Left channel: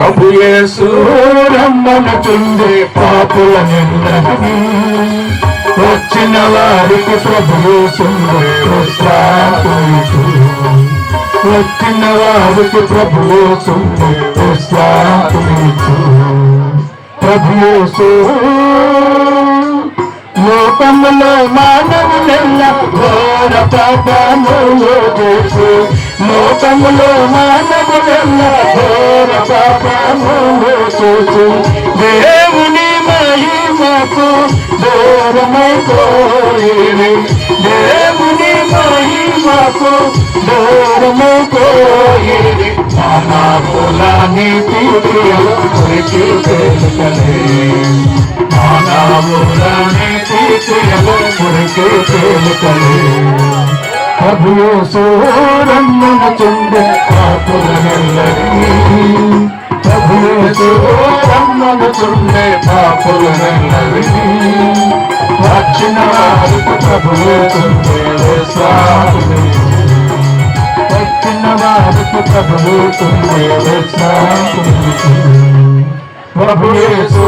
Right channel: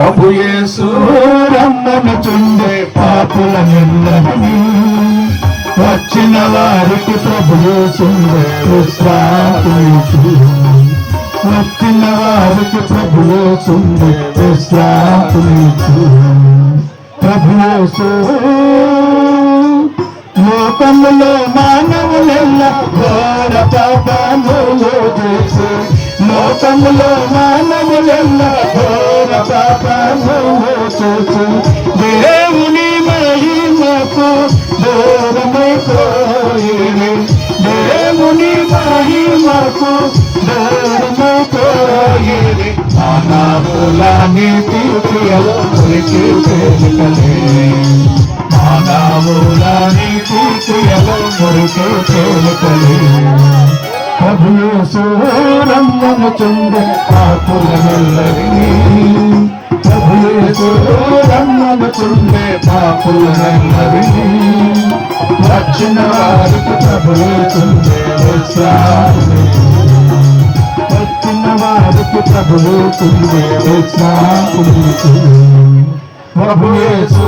ప్రభు యేసు రమ్మనుచుండే పాపులనెల్లరినీ వచ్చిన వారికి ప్రభు యేసుండే విశ్రాంతినిచ్చు. వచ్చిన వారికి ప్రభు యేసుండే విశ్రాంతినిచ్చు. ప్రభు యేసు లోకములో మానవులెల్ల ఘోర పాపములు చేసి, లోకములో మానవులెల్ల ఘోర పాపములు చేసి దేవుని మహిమకు దూరమైపోయిరి. దేవుని మహిమకు దూరమైపోయిరి. మానవుల నీతి క్రియలు మురికి తేలుకలే. మానవుల నీతి క్రియలు మురికి తేలుకలే. ప్రభు యేసు రమ్మనుచుండే పాపులనెల్లరినీ. ప్రభు యేసు రమ్మనుచుండే పాపులనెల్లరినీ. వచ్చిన వారికి ప్రభు యేసుండే విశ్రాంతినిచ్చు. వచ్చిన వారికి ప్రభు యేసుండే విశ్రాంతినిచ్చు. ప్రభు యేసు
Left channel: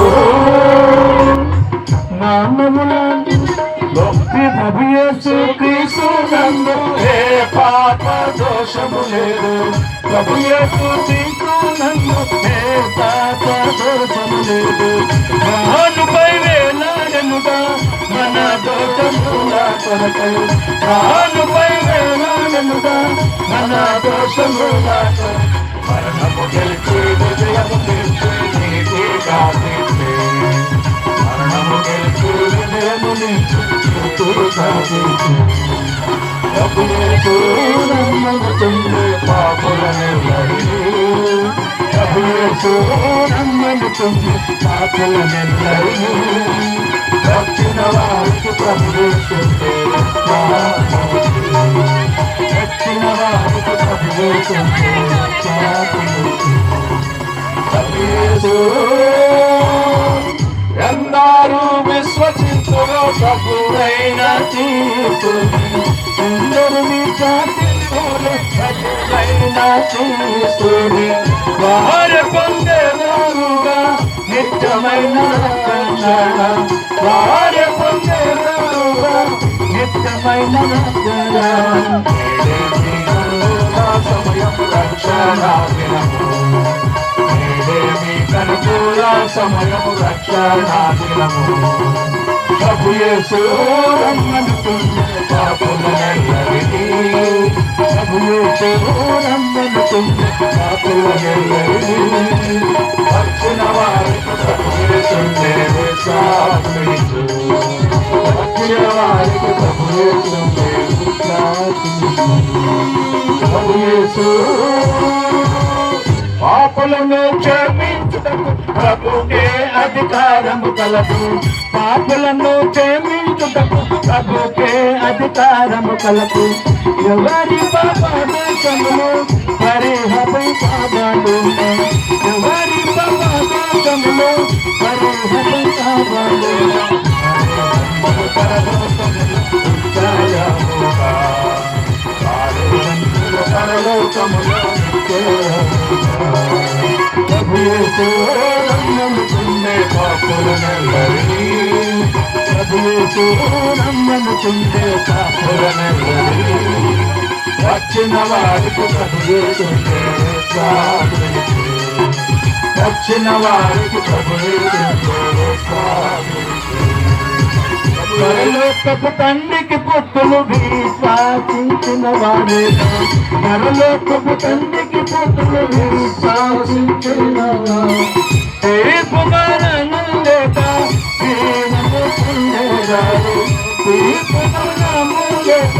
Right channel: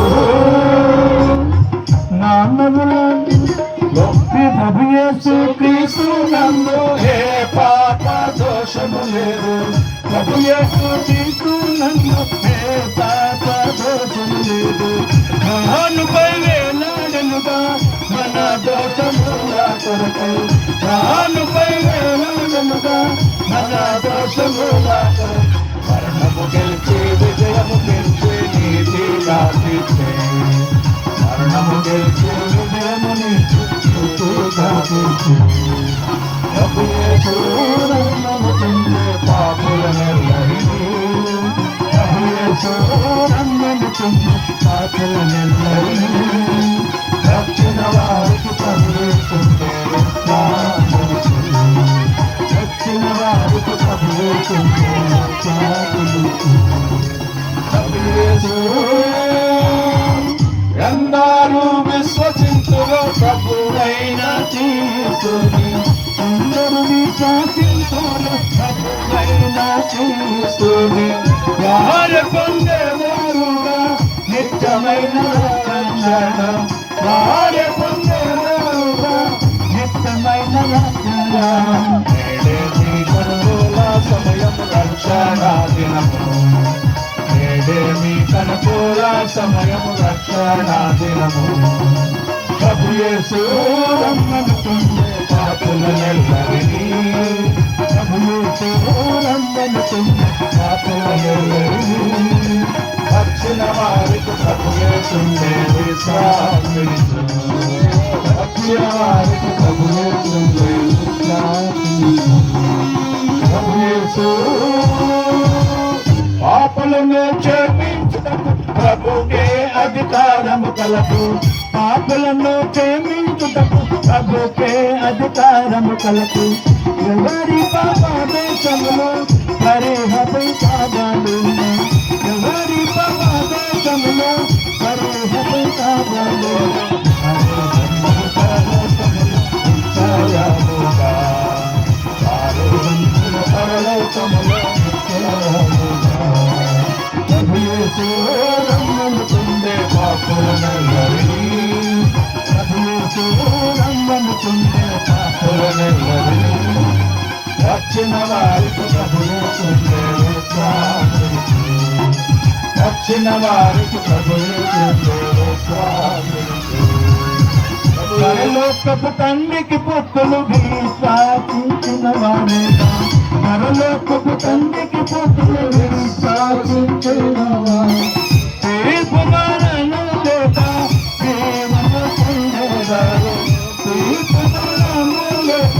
ప్రభు యేసు క్రీస్తు నందు ఏ పాప దోషము లేదు. ప్రభు యేసు క్రీస్తు నందు ఏ పాప దోషము లేదు. నానుపై వేలాడెనుగా మన దోషముల కొరకై. నానుపై వేలాడెనుగా మన దోషముల కొరకై. మరణము గెలిచి విజయము గెలిచి నీతి కాపితే. మరణము గెలిచి విజయము నీతి కాపితే. ప్రభు యేసు రమ్మనుచుండే పాపులనెల్లరినీ. ప్రభు యేసు రమ్మనుచుండే పాపులనెల్లరినీ. వచ్చిన వారికి ప్రభు యేసుండే విశ్రాంతినిచ్చు. వచ్చిన వారికి ప్రభు యేసుండే విశ్రాంతినిచ్చు. ప్రభు యేసు ఎందరూ విశ్వసింతులో ప్రభువైన క్రీస్తుని. ఎందరిని చాటింతులో ప్రభువైన క్రీస్తుని. వారు పొందేవారుగా నిత్యమైన రక్షణ. వారు పొందేవారుగా నిత్యమైన రక్షణ. నేడే మీ కనుగోల సమయం రక్షణ దినము. నేడే మీ కనుగోల సమయం రక్షణ దినము. ప్రభు యేసు రమ్మనుచుండే పాపులనెల్లరినీ. ప్రభు యేసు రమ్మనుచుండే పాపులనెల్లరినీ. వచ్చిన వారికి ప్రభు యేసుండే విశ్రాంతినిచ్చు. వచ్చిన వారికి ప్రభు యేసుండే విశ్రాంతినిచ్చు. ప్రభు యేసు పాపులను క్షమించుటకు ప్రభుకే అధికారము కలదు. పాపులను క్షమించుటకు ప్రభుకే అధికారము కలదు. ఎవరి పాప దోషములు పరిహరింపబడును. ఎవరి పాప దోషములు పరిహరింపబడును. పరలోకములో ప్రభు యేసు రమ్మనుచుండే పాపులనెల్లరినీ. ప్రభు యేసు రమ్మనుచుండే పాపులనెల్లరినీ. వచ్చిన వారికి ప్రభు యేసుండే విశ్రాంతినిచ్చు. వచ్చిన వారికి ప్రభు యేసుండే విశ్రాంతినిచ్చు. పరలోకపు తండ్రికి పుత్రులు విశ్వాసించిన వారే. పరలోకపు తండ్రికి పుత్రులు విశ్వాసించిన వారు. తీర్పు మరణము లేక జీవము పొందేదారు. తీర్పు మరణము లేక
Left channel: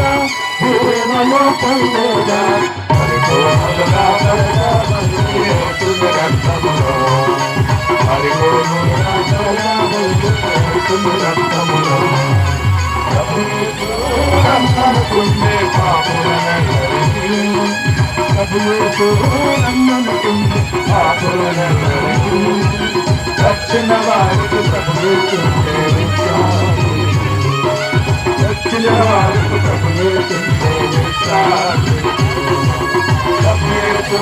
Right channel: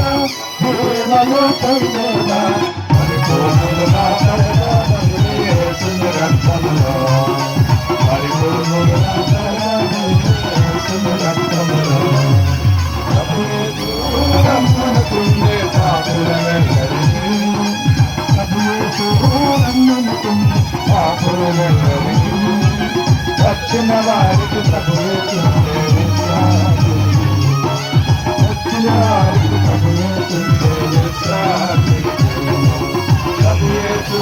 జీవము పొందేదారు. పరిపూర్ణులుగా కలగబడి యేసుని రక్తములో. పరిపూర్ణులుగా కలగబడి యేసుని రక్తములో. ప్రభు యేసు రమ్మనుచుండే పాపులనెల్లరినీ. ప్రభు యేసు రమ్మనుచుండే పాపులనెల్లరినీ. వచ్చిన వారికి ప్రభు యేసుండే విశ్రాంతినిచ్చు. వచ్చిన వారికి ప్రభు యేసుండే విశ్రాంతినిచ్చు. ప్రభు యేసు